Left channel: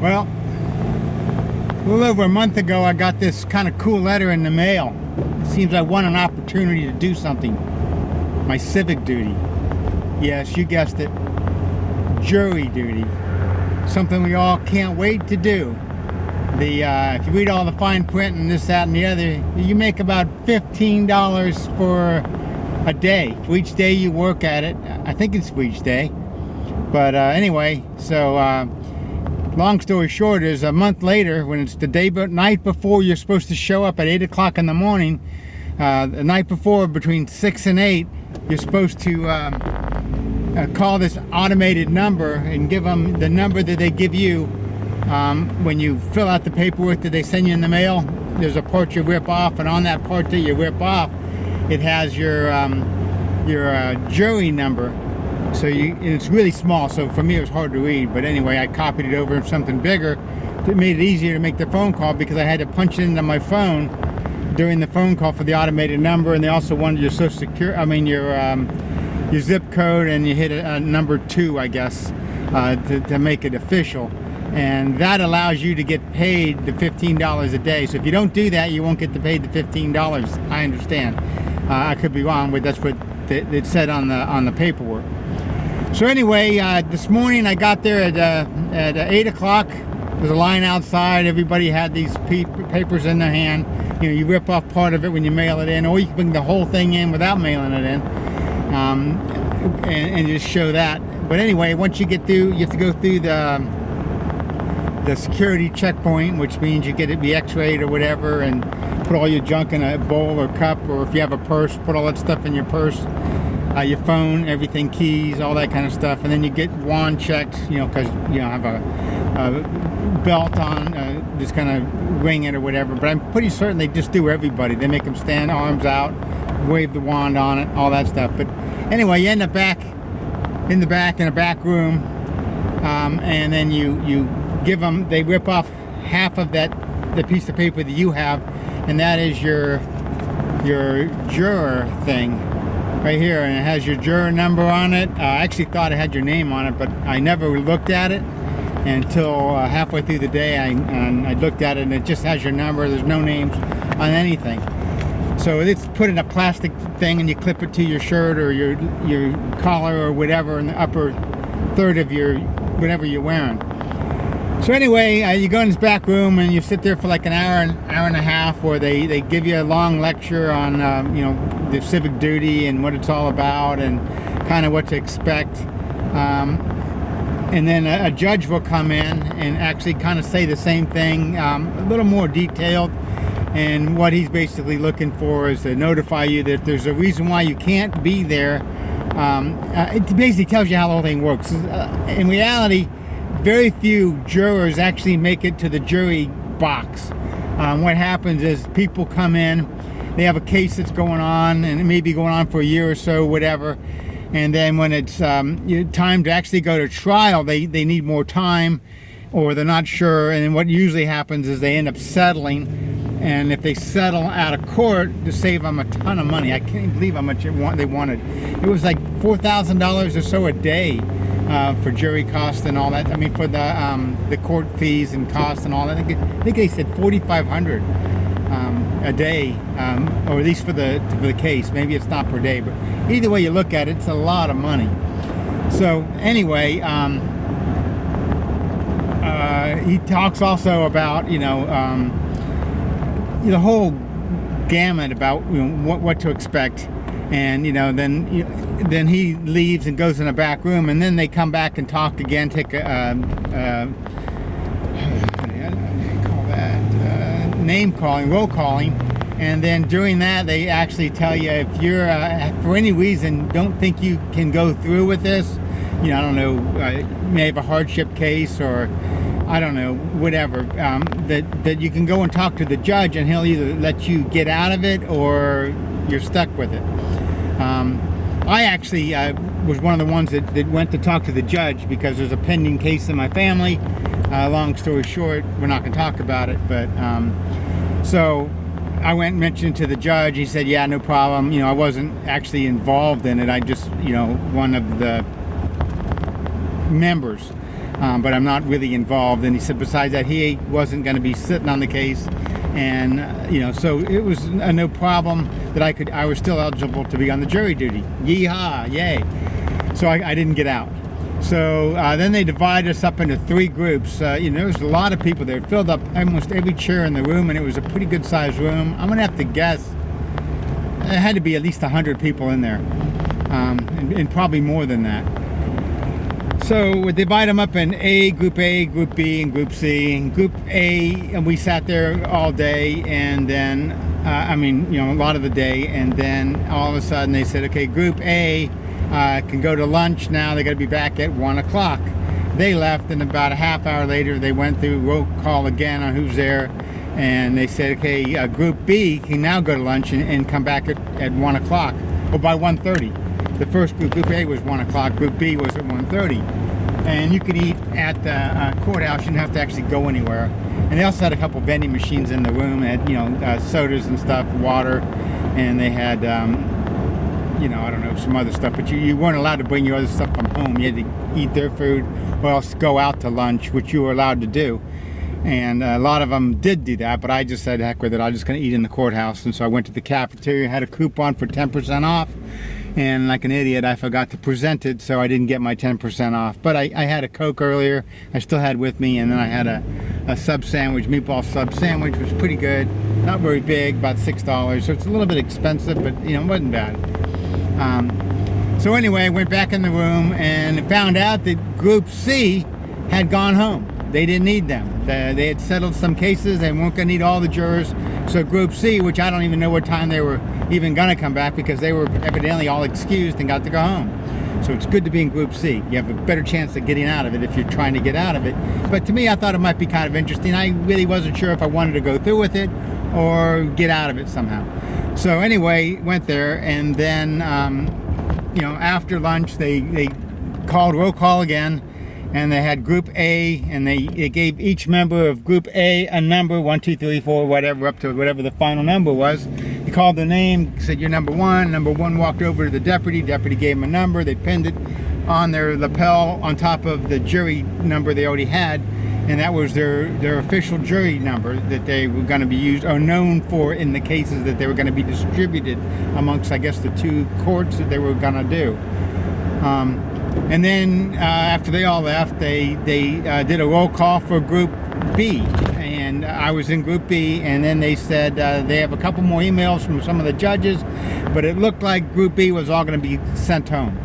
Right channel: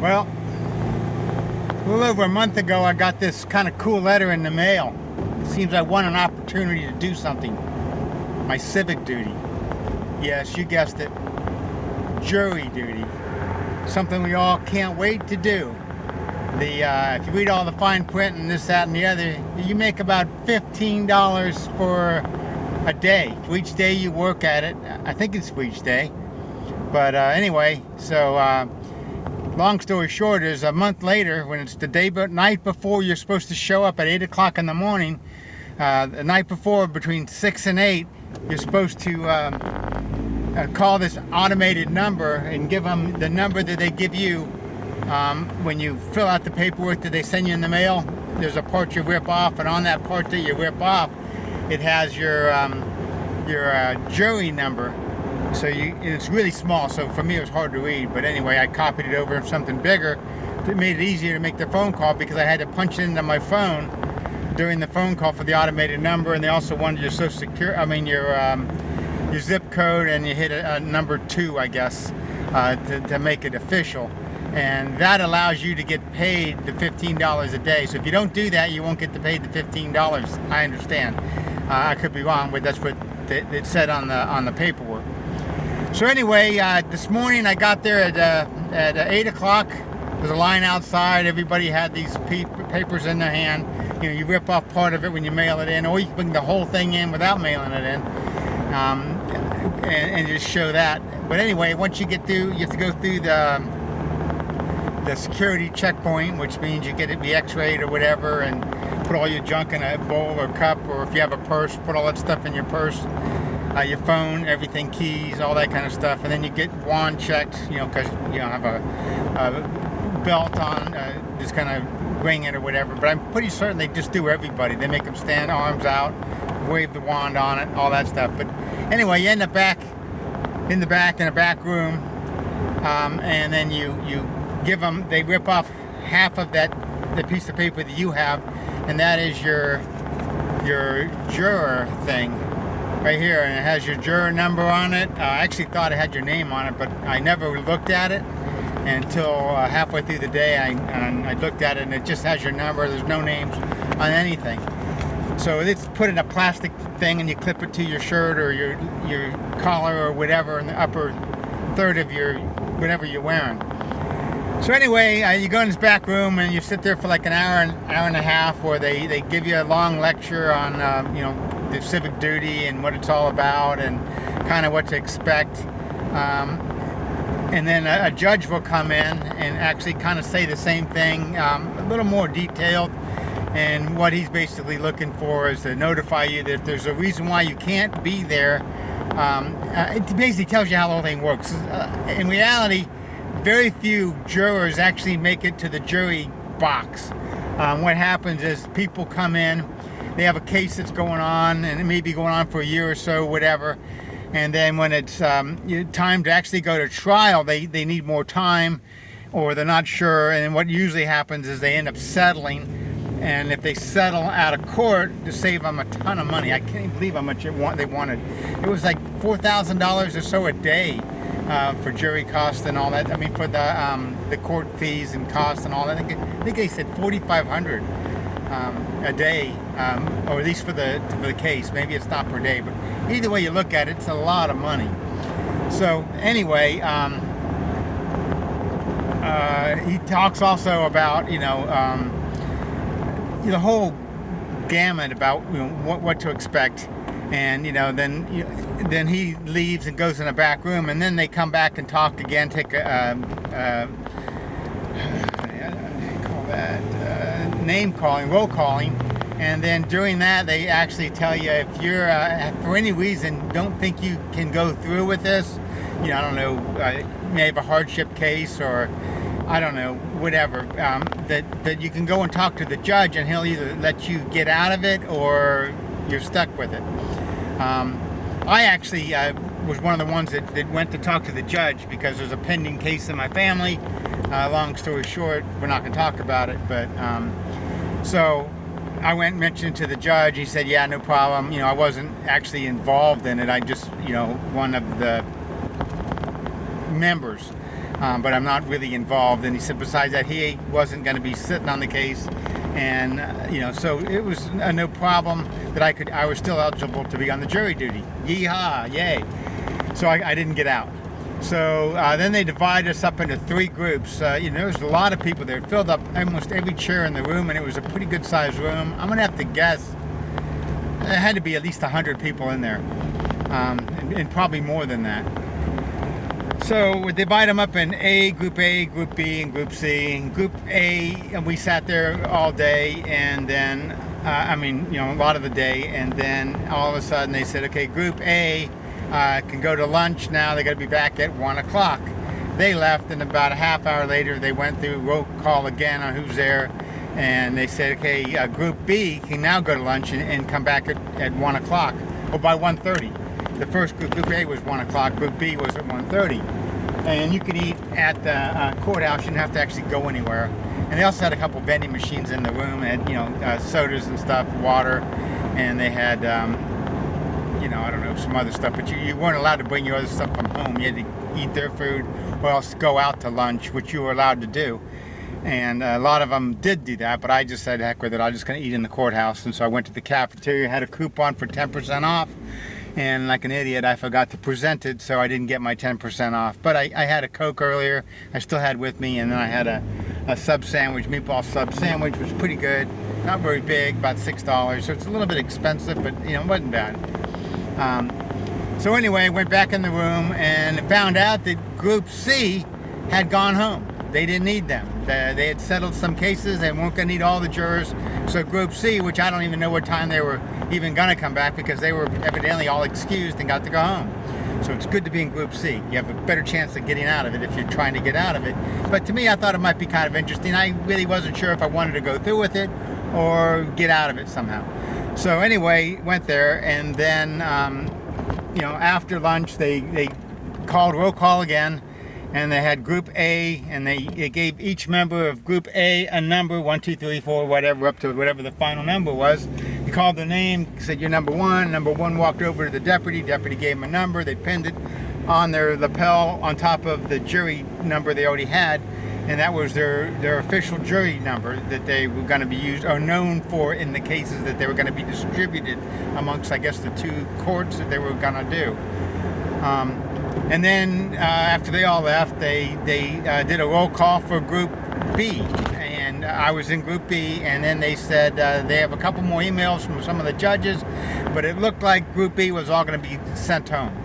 Well, a little over a month ago, I got this kind of cool letter in the mail. It seems I won an opportunity to do something. My civic duty. Yes, you guessed it. Jury duty. Something we all can't wait to do. If you read all the fine print and this, that, and the other, you make about $15 for a day. For each day you work at it. I think it's for each day. But anyway, so long story short is a month later, when it's the night before you're supposed to show up at 8 o'clock in the morning, the night before between 6 and 8, you're supposed to call this automated number and give them the number that they give you when you fill out the paperwork that they send you in the mail. There's a part you rip off, and on that part that you rip off, it has your jury number. So it's really small, so for me it was hard to read, but anyway, I copied it over something bigger. It made it easier to make the phone call because I had to punch it into my phone during the phone call for the automated number, and they also wanted your social security, your zip code, and you hit a number 2, I guess, to make it official. And that allows you to get paid the $15 a day. So if you don't do that, you won't get paid the $15. I understand. I could be wrong, but that's what it said on the paperwork. So anyway, this morning I got there at 8 o'clock. There's a line outside. Everybody had these papers in their hand. You know, you rip off part of it when you mail it in, or you can bring the whole thing in without mailing it in, and just show that. But anyway, once you get through, you have to go through the security checkpoint, which means you get it be x-rayed or whatever, and put all your junk in a bowl or cup, or if you have a purse, put all that stuff in your purse. Your phone, everything, keys, all that kind of stuff, and then you get wand checked, you know, because you don't have a belt on, just kind of ring it or whatever. But I'm pretty certain they just do everybody. They make them stand arms out, wave the wand on it, all that stuff. But anyway, you end up in a back room, and then you give them. They rip off half of the piece of paper that you have, and that is your juror thing. Right here, and it has your juror number on it. I actually thought it had your name on it, but I never looked at it until halfway through the day. I looked at it, and it just has your number. There's no names on anything. So it's put in a plastic thing, and you clip it to your shirt or your collar or whatever in the upper third of your whatever you're wearing. So anyway, you go in this back room and you sit there for like an hour and a half, where they give you a long lecture on you know, the civic duty and what it's all about and kind of what to expect. And then a judge will come in and actually kind of say the same thing, a little more detailed. And what he's basically looking for is to notify you that if there's a reason why you can't be there. It basically tells you how the whole thing works. In reality, very few jurors actually make it to the jury box. What happens is people come in, they have a case that's going on, and it may be going on for a year or so, whatever. And then when it's time to actually go to trial, they need more time, or they're not sure. And then what usually happens is they end up settling. And if they settle out of court, to save them a ton of money. I can't even believe how much they wanted. It was like $4,000 or so a day. For jury costs and all that. I mean, for the court fees and costs and all that. I think they said $4,500 a day, or at least for the case. Maybe it's not per day, but either way you look at it, it's a lot of money. So anyway, he talks also about the whole gamut about what to expect. And then he leaves and goes in a back room, and then they come back and talk again, take name calling, roll calling, and then during that they actually tell you if you're for any reason don't think you can go through with this, I don't know, may have a hardship case, or I don't know, whatever, that you can go and talk to the judge, and he'll either let you get out of it or you're stuck with it. I actually was one of the ones that went to talk to the judge because there's a pending case in my family. Long story short, we're not going to talk about it, but so I went and mentioned to the judge. He said, yeah, no problem. I wasn't actually involved in it. I just, one of the members. but I'm not really involved. And he said besides that, he wasn't going to be sitting on the case, and you know, so it was no problem that I was still eligible to be on the jury duty. Yeehaw, yay. So I didn't get out. So then they divided us up into 3 groups. You know, there was a lot of people there. It filled up almost every chair in the room, and it was a pretty good sized room. I'm gonna have to guess it had to be at least 100 people in there, and probably more than that. So we divide them up in Group A, Group B, and Group C. And Group A, and we sat there all day, and then, I mean, you know, a lot of the day, and then all of a sudden they said, okay, Group A can go to lunch now. They got to be back at 1 o'clock. They left, and about a half hour later, they went through roll call again on who's there, and they said, okay, Group B can now go to lunch and come back at 1 o'clock, or by 1:30. The first group, Group A, was 1 o'clock. Group B was at 1:30. And you could eat at the courthouse. You didn't have to actually go anywhere. And they also had a couple vending machines in the room. They had, you know, sodas and stuff, water, and they had, you know, I don't know, some other stuff. But you weren't allowed to bring your other stuff from home. You had to eat their food or else go out to lunch, which you were allowed to do. And a lot of them did do that, but I just said, heck with it, I'm just going to eat in the courthouse. And so I went to the cafeteria, had a coupon for 10% off. And like an idiot, I forgot to present it, so I didn't get my 10% off. But I had a Coke earlier, I still had with me, and then I had a sub sandwich, meatball sub sandwich, which was pretty good. Not very big, about $6, so it's a little bit expensive, but you know, it wasn't bad. So anyway, I went back in the room and found out that Group C had gone home. They didn't need them. They had settled some cases, they weren't going to need all the jurors. So Group C, which I don't even know what time they were even going to come back, because they were evidently all excused and got to go home. So it's good to be in Group C. You have a better chance of getting out of it if you're trying to get out of it. But to me, I thought it might be kind of interesting. I really wasn't sure if I wanted to go through with it or get out of it somehow. So anyway, went there, and then, you know, after lunch, they called roll call again. And they had Group A, and they gave each member of Group A a number, 1, 2, 3, 4, whatever, up to whatever the final number was. He called their name, said, you're number 1. Number 1 walked over to the deputy. Deputy gave him a number. They pinned it on their lapel on top of the jury number they already had. And that was their official jury number that they were going to be used, or known for, in the cases that they were going to be distributed amongst, I guess, the 2 courts that they were going to do. And then after they all left, they did a roll call for Group B, and I was in Group B. And then they said they have a couple more emails from some of the judges, but it looked like Group B was all going to be sent home.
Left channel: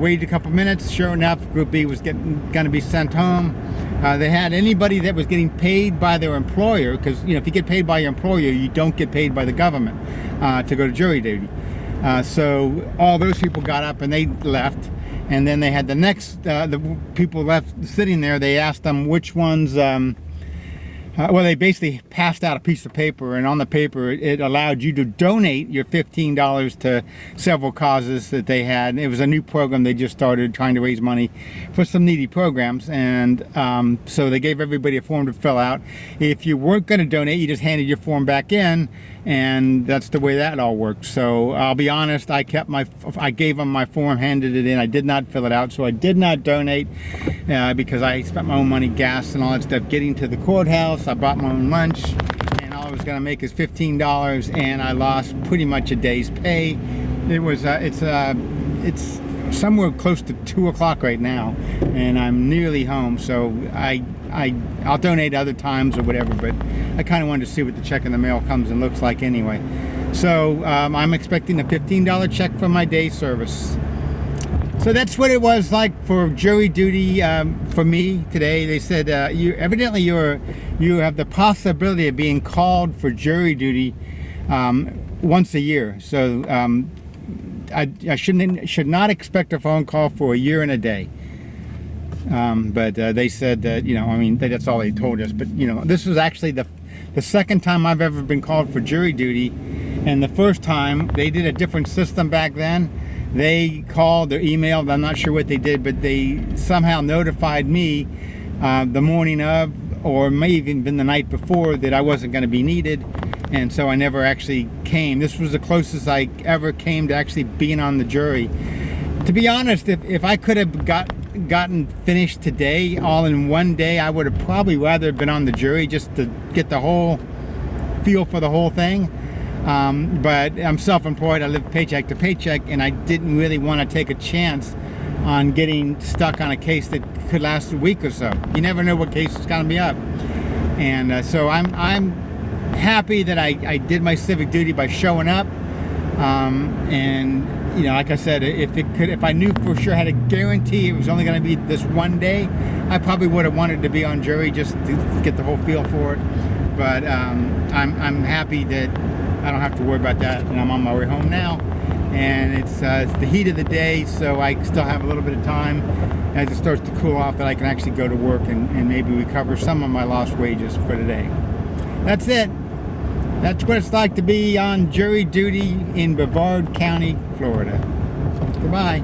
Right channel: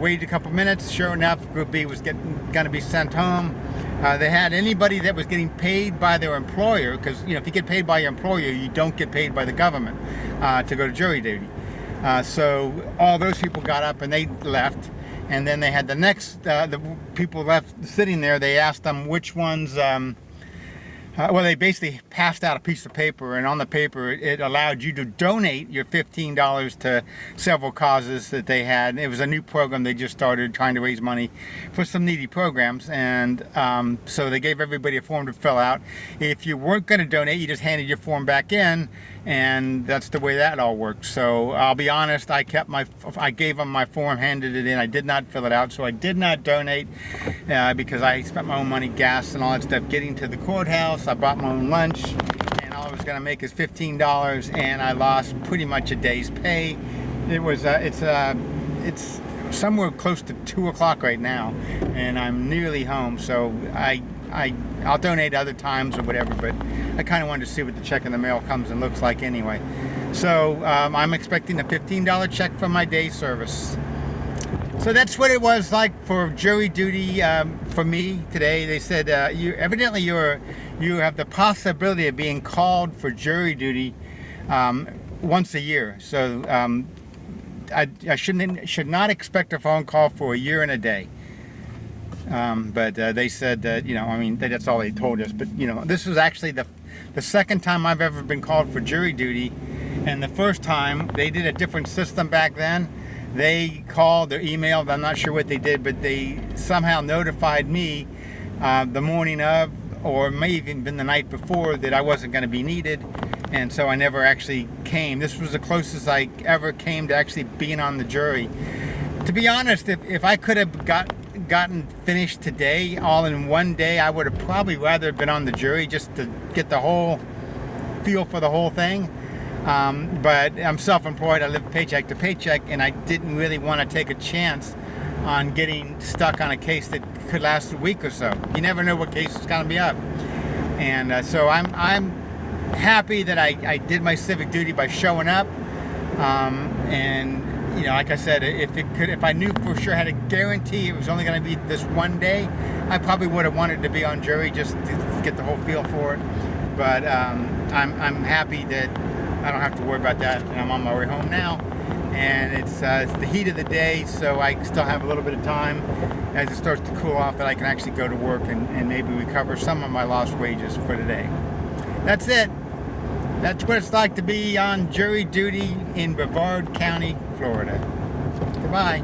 Waited a couple minutes. Sure enough, Group B was going to be sent home. They had anybody that was getting paid by their employer, because you know, if you get paid by your employer, you don't get paid by the government to go to jury duty. So all those people got up and they left. And then they had the next, the people left sitting there. They asked them which ones, well, they basically passed out a piece of paper, and on the paper it allowed you to donate your $15 to several causes that they had. It was a new program they just started, trying to raise money for some needy programs. And so they gave everybody a form to fill out. If you weren't going to donate, you just handed your form back in, and that's the way that all worked. So I'll be honest, I gave them my form, handed it in. I did not fill it out, so I did not donate because I spent my own money, gas and all that stuff, getting to the courthouse. I bought my own lunch, and all I was going to make is $15, and I lost pretty much a day's pay. It was it's somewhere close to 2 o'clock right now, and I'm nearly home. So I'll donate other times or whatever, but I kind of wanted to see what the check in the mail comes and looks like anyway. So I'm expecting a $15 check for my day service. So that's what it was like for jury duty for me today. They said you have the possibility of being called for jury duty once a year. So I should not expect a phone call for a year and a day. But they said that, you know, I mean, that's all they told us. But, you know, this was actually the second time I've ever been called for jury duty. And the first time, they did a different system back then. They called or emailed, I'm not sure what they did, but they somehow notified me the morning of, or may even been the night before, that I wasn't going to be needed. And so I never actually came. This was the closest I ever came to actually being on the jury. To be honest, if I could have got gotten finished today, all in one day, I would have probably rather been on the jury just to get the whole feel for the whole thing. But I'm self-employed, I live paycheck to paycheck, and I didn't really want to take a chance on getting stuck on a case that could last a week or so. You never know what case is going to be up. And so I'm happy that I did my civic duty by showing up. And you know, like I said, if I knew for sure, had a guarantee it was only going to be this one day, I probably would have wanted to be on jury just to get the whole feel for it. But I'm happy that I don't have to worry about that, and I'm on my way home now. And it's the heat of the day, so I still have a little bit of time as it starts to cool off that I can actually go to work and maybe recover some of my lost wages for today. That's it. That's what it's like to be on jury duty in Brevard County, Florida. Goodbye.